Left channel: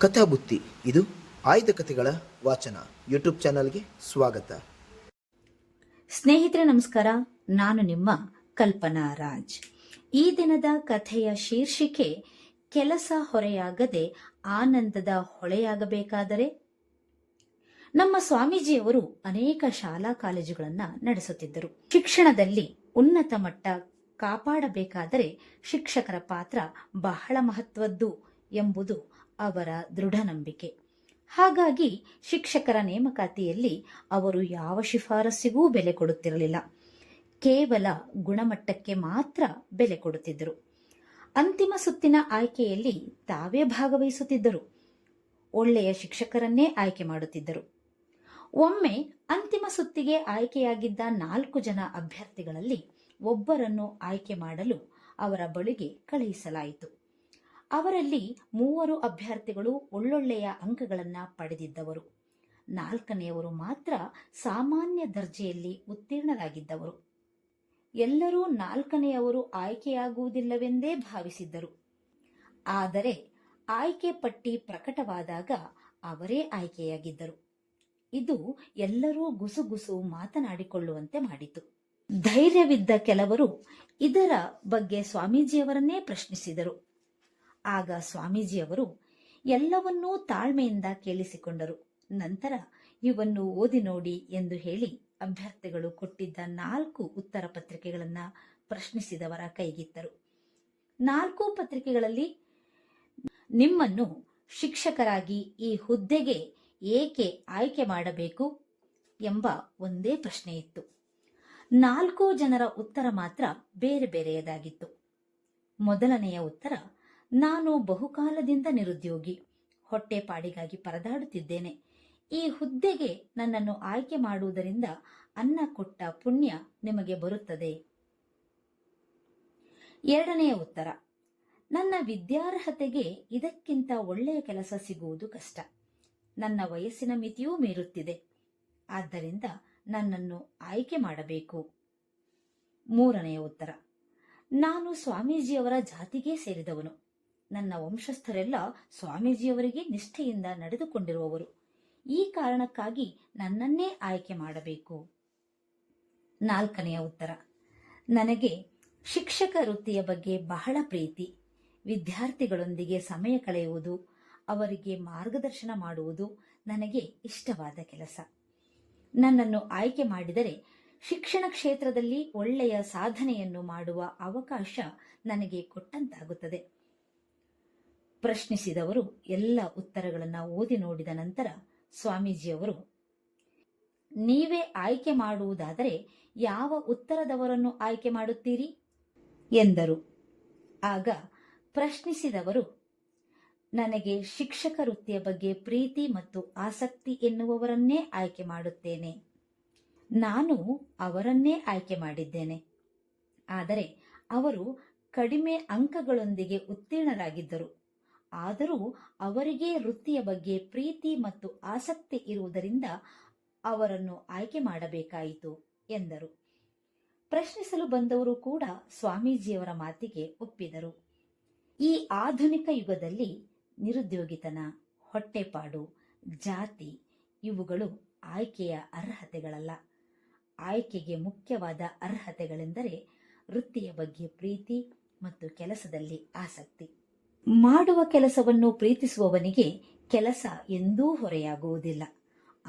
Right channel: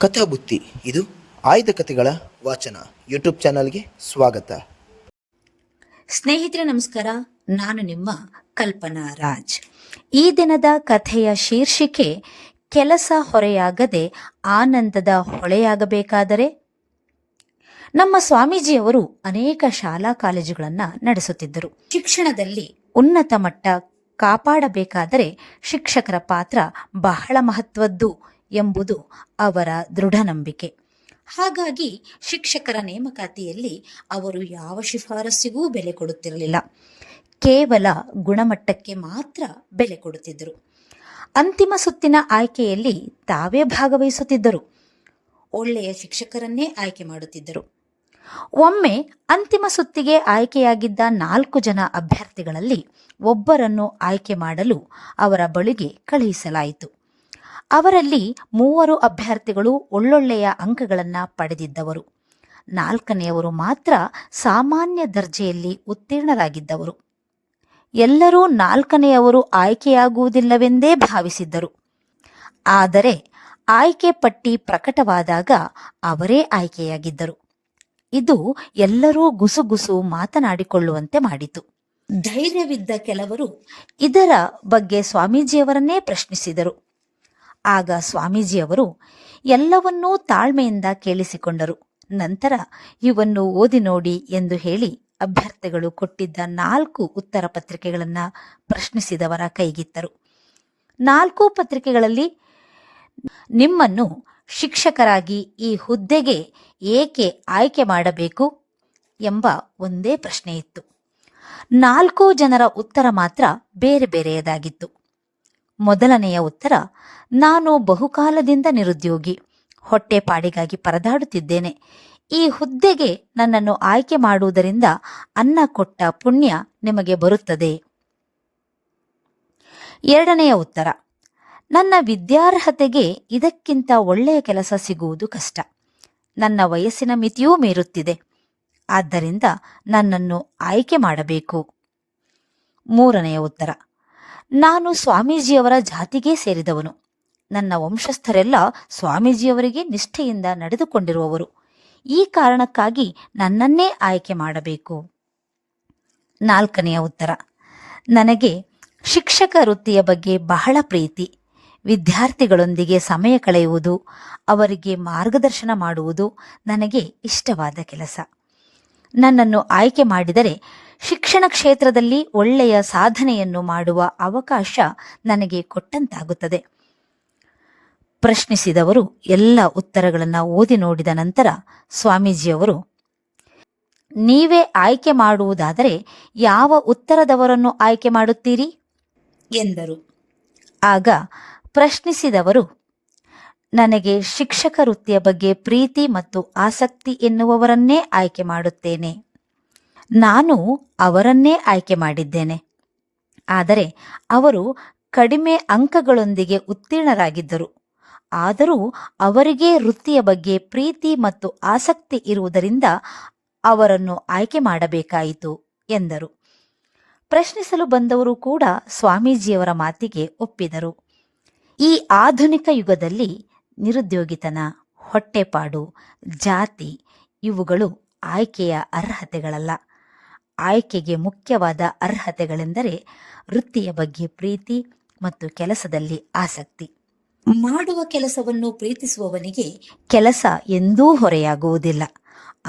ಕಥಾಬುತ್ತಿ ಇದು ಆಯ್ದ ಕಥೆಗಳ ವಾಚನ ಯೂಟ್ಯೂಬ್ ಚಾನಲ್ಗೆ ಸ್ವಾಗತ. ಸ್ನೇಹಿತರೆ ನಮಸ್ಕಾರ, ನಾನು ನಿಮ್ಮ ಕಲ್ಪನಾ ರಾಜ್. ಈ ದಿನದ ಕಥೆಯ ಶೀರ್ಷಿಕೆ ಕೆಲಸ ಹೊರೆಯಾಗದೆ ಆನಂದದ ಹೊಳೆಯಾಗಬೇಕಾದರೆ. ನಮ್ಮ ಸ್ವಾಮೀಜಿಯವರು ಅನೇಕ ಶಾಲಾ ಕಾಲೇಜುಗಳನ್ನು ನಡೆಸುತ್ತಿದ್ದರು. ಶಿಕ್ಷಣದಲ್ಲಿ ಉನ್ನತ ಮಟ್ಟ ಕಾಪಾಡಬೇಕಾದರೆ ಶಿಕ್ಷಕರ ಪಾತ್ರ ಬಹಳ ಮಹತ್ವದ್ದು ಎಂಬುದು ಅವರ ದೃಢ ನಂಬಿಕೆ. ಹಾಗಾಗಿ ಶಿಕ್ಷಕರ ನೇಮಕಾತಿಯಲ್ಲಿ ಅವರು ಯಾವ ಶಿಫಾರಸ್ಸಿಗೂ ಬೆಲೆ ಕೊಡುತ್ತಿರಲಿಲ್ಲ. ಕೇವಲ ಗುಣಮಟ್ಟಕ್ಕೆ ಮಾತ್ರ ಬೆಲೆ ಕೊಡುತ್ತಿದ್ದರು. ಅಂತಿಮ ಸುತ್ತಿನ ಆಯ್ಕೆಯಲ್ಲಿ ತಾವೇ ಭಾಗವಹಿಸುತ್ತಿದ್ದರು. ಒಳ್ಳೆಯ ಶಿಕ್ಷಕರನ್ನೇ ಆಯ್ಕೆ ಮಾಡುತ್ತಿದ್ದರು. ಒಮ್ಮೆ ಅಂತಿಮ ಸುತ್ತಿಗೆ ಆಯ್ಕೆಯಾಗಿದ್ದ 4 ಜನ ಅಭ್ಯರ್ಥಿಗಳಲ್ಲಿ ಒಬ್ಬರನ್ನು ಆಯ್ಕೆ ಮಾಡಲು ಅವರ ಬಳಿಗೆ ಕಳುಹಿಸಲಾಯಿತು. ಅವರಲ್ಲಿ 3 ಅಭ್ಯರ್ಥಿಗಳು ಒಳ್ಳೊಳ್ಳೆಯ ಅಂಕಗಳನ್ನು ಪಡೆದಿದ್ದವರು. 4ನೆಯವರು ಮಾತ್ರ ಸಾಮಾನ್ಯ ದರ್ಜೆಯಲ್ಲಿ ಉತ್ತೀರ್ಣರಾಗಿದ್ದವರು. ಎಲ್ಲರೂ 4ನೆಯವರು ಆಯ್ಕೆಯಾಗುವುದಿಲ್ಲವೆಂದೇ ಭಾವಿಸಿದ್ದರು. ಆದರೆ ಆಯ್ಕೆ ಪಟ್ಟಿ ಪ್ರಕಟವಾದಾಗ ಅವರೇ ಆಯ್ಕೆಯಾಗಿದ್ದರು. ಇದು ಎಲ್ಲರೂ ಗುಸುಗುಸು ಮಾತನಾಡಿಕೊಳ್ಳುವಂತೆ ಮಾಡಿತು. ಧೈರ್ಯವಿದ್ದ ಕೆಲವರು ಇದರ ಬಗ್ಗೆ ಸ್ವಾಮೀಜಿಯವರನ್ನೇ ಪ್ರಶ್ನಿಸಿದರು. ಆಗ ಸ್ವಾಮೀಜಿಯವರು ಎಲ್ಲವನ್ನೂ ತಾಳ್ಮೆಯಿಂದ ಕೇಳಿಸಿಕೊಂಡರು. ನಂತರ ಇವನ್ನು ಓದಿ ನೋಡಿ ಎಂದು ಹೇಳಿ ಅಭ್ಯರ್ಥಿಗಳು ಕೊಟ್ಟಿದ್ದ 4 ಉತ್ತರ ಪತ್ರಿಕೆಗಳನ್ನು ಪ್ರಶ್ನಿಸಿದವರ ಕೈಗಿತ್ತರು. 4 ಪತ್ರಿಕೆಗಳಲ್ಲಿ ನಿಮ್ಮನ್ನು ಶಿಕ್ಷಕರಾಗಿ ಈ ಹುದ್ದೆಗೆ ಏಕೆ ಆಯ್ಕೆ ಮಾಡಬೇಕು ಎಂಬ ಒಂದೇ ಪ್ರಶ್ನೆ ಇತ್ತು. 4 ಜನರ ಉತ್ತರ ಮಾತ್ರ ಬೇರೆ ಬೇರೆಯದಾಗಿತ್ತು. ಮೊದಲನೆಯ ಉತ್ತರ, ನಾನು ಬಹುಕಾಲದಿಂದ ನಿರುದ್ಯೋಗಿ, ಹೊಟ್ಟೆಪಾಡಿಗಾಗಿ ಪರದಾಡುತ್ತಿದ್ದೇನೆ. ಈ ಹುದ್ದೆಗೆ ನನ್ನನ್ನು ಆಯ್ಕೆ ಮಾಡುವುದರಿಂದ ಅನ್ನ ಕೊಟ್ಟ ಪುಣ್ಯ ನಿಮಗೆ ಬರುತ್ತದೆ. ಎರಡನೆಯ ಉತ್ತರ, ನನ್ನ ವಿದ್ಯಾರ್ಹತೆಗೆ ಇದಕ್ಕಿಂತ ಒಳ್ಳೆಯ ಕೆಲಸ ಸಿಗುವುದು ಕಷ್ಟ. ನನ್ನ ವಯಸ್ಸಿನ ಮಿತಿಯೂ ಮೀರುತ್ತಿದೆ. ಆದ್ದರಿಂದ ನನ್ನನ್ನು ಆಯ್ಕೆ ಮಾಡಬೇಕು. ಮೂರನೆಯ ಉತ್ತರ, ನಾನು ಸ್ವಾಮೀಜಿಯವರ ಜಾತಿಗೆ ಸೇರಿದವನು. ನನ್ನ ವಂಶಸ್ಥರೆಲ್ಲ ಸ್ವಾಮೀಜಿಯವರಿಗೆ ನಿಷ್ಠೆಯಿಂದ ನಡೆದುಕೊಂಡಿರುವವರು. ಈ ಕಾರಣಕ್ಕಾಗಿ ನನ್ನನ್ನೇ ಆಯ್ಕೆ ಮಾಡಬೇಕು. 4ನೆಯ ಉತ್ತರ, ನನಗೆ ಶಿಕ್ಷಕ ವೃತ್ತಿಯ ಬಗ್ಗೆ ಬಹಳ ಪ್ರೀತಿ. ವಿದ್ಯಾರ್ಥಿಗಳೊಂದಿಗೆ ಸಮಯ ಕಳೆಯುವುದು, ಅವರಿಗೆ ಮಾರ್ಗದರ್ಶನ ಮಾಡುವುದು ನನಗೆ ಇಷ್ಟವಾದ ಕೆಲಸ. ನನ್ನನ್ನು ಆಯ್ಕೆ ಮಾಡಿದರೆ ಶಿಕ್ಷಣ ಕ್ಷೇತ್ರದಲ್ಲಿ ಒಳ್ಳೆಯ ಸಾಧನೆಯನ್ನು ಮಾಡುವ ಅವಕಾಶ ನನಗೆ ಕೊಟ್ಟಂತಾಗುತ್ತದೆ. ಪ್ರಶ್ನಿಸಿದವರು ಎಲ್ಲ ಉತ್ತರಗಳನ್ನು ಓದಿ ನೋಡಿದ ನಂತರ ಸ್ವಾಮೀಜಿಯವರು, ನೀವೇ ಆಯ್ಕೆ ಮಾಡುವುದಾದರೆ ಯಾವ ಉತ್ತರದವರನ್ನು ಆಯ್ಕೆ ಮಾಡುತ್ತೀರಿ ಎಂದರು. ಆಗ ಪ್ರಶ್ನಿಸಿದವರು, ನನಗೆ ಶಿಕ್ಷಕ ವೃತ್ತಿಯ ಬಗ್ಗೆ ಪ್ರೀತಿ ಮತ್ತು ಆಸಕ್ತಿ ಎನ್ನುವವರನ್ನೇ ಆಯ್ಕೆ ಮಾಡುತ್ತೇನೆ. ನಾನು ಅವರನ್ನೇ ಆಯ್ಕೆ ಮಾಡಿದ್ದೇನೆ. ಆದರೆ ಅವರು ಕಡಿಮೆ ಅಂಕಗಳೊಂದಿಗೆ ಉತ್ತೀರ್ಣರಾಗಿದ್ದರು. ಆದರೂ ಅವರಿಗೆ ವೃತ್ತಿಯ ಬಗ್ಗೆ ಪ್ರೀತಿ ಮತ್ತು ಆಸಕ್ತಿ ಇರುವುದರಿಂದ ಅವರನ್ನು ಆಯ್ಕೆ ಮಾಡಬೇಕಾಯಿತು ಎಂದರು. ಪ್ರಶ್ನಿಸಲು ಬಂದವರು ಕೂಡ ಸ್ವಾಮೀಜಿಯವರ ಮಾತಿಗೆ ಒಪ್ಪಿದರು. ಈ ಆಧುನಿಕ ಯುಗದಲ್ಲಿ ನಿರುದ್ಯೋಗಿತನ, ಹೊಟ್ಟೆಪಾಡು, ಜಾತಿ ಇವುಗಳು ಆಯ್ಕೆಯ ಅರ್ಹತೆಗಳಲ್ಲ. ಆಯ್ಕೆಗೆ ಮುಖ್ಯವಾದ ಅರ್ಹತೆಗಳೆಂದರೆ ವೃತ್ತಿಯ ಬಗ್ಗೆ ಪ್ರೀತಿ ಮತ್ತು ಕೆಲಸದಲ್ಲಿ ಆಸಕ್ತಿ. ಮಾಡುವ ಕೆಲಸವನ್ನು ಪ್ರೀತಿಸುವವನಿಗೆ ಕೆಲಸ ಎಂದೂ ಹೊರೆಯಾಗುವುದಿಲ್ಲ,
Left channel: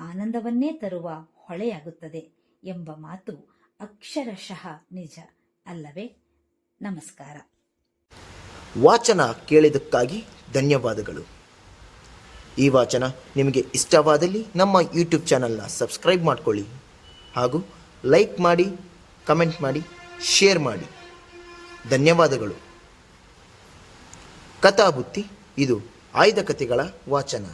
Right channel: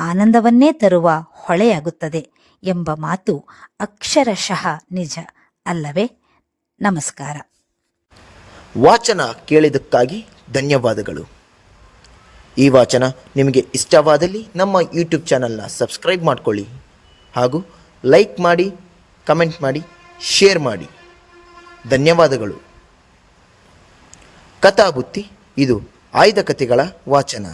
ಆನಂದವನ್ನೇ ತರುವ ಹೊಳೆಯಾಗುತ್ತದೆ ಎಂಬ ಮಾತು ಅಕ್ಷರಶಃ ನಿಜ ಅಲ್ಲವೇ? ನಮಸ್ಕಾರ. ವಾಚನ ಕೇಳಿದ್ದಕ್ಕಾಗಿ ಧನ್ಯವಾದಗಳು. ಈ ವಾಚನ ನಿಮಗೆ ಇಷ್ಟವಾದಲ್ಲಿ ನಮ್ಮ ಯೂಟ್ಯೂಬ್ ಚಾನಲ್ನ ಸಬ್ಸ್ಕ್ರೈಬ್ ಮಾಡಿಕೊಳ್ಳಿ ಹಾಗೂ ಲೈಕ್ ಮಾಡಿ, ಕಮೆಂಟ್ ಮಾಡಿ, ಶೇರ್ ಮಾಡಿ. ಧನ್ಯವಾದಗಳು. ಕಥಾಬುತ್ತಿ ಇದು ಆಯ್ದ ಕಥೆಗಳ ವಾಚನ.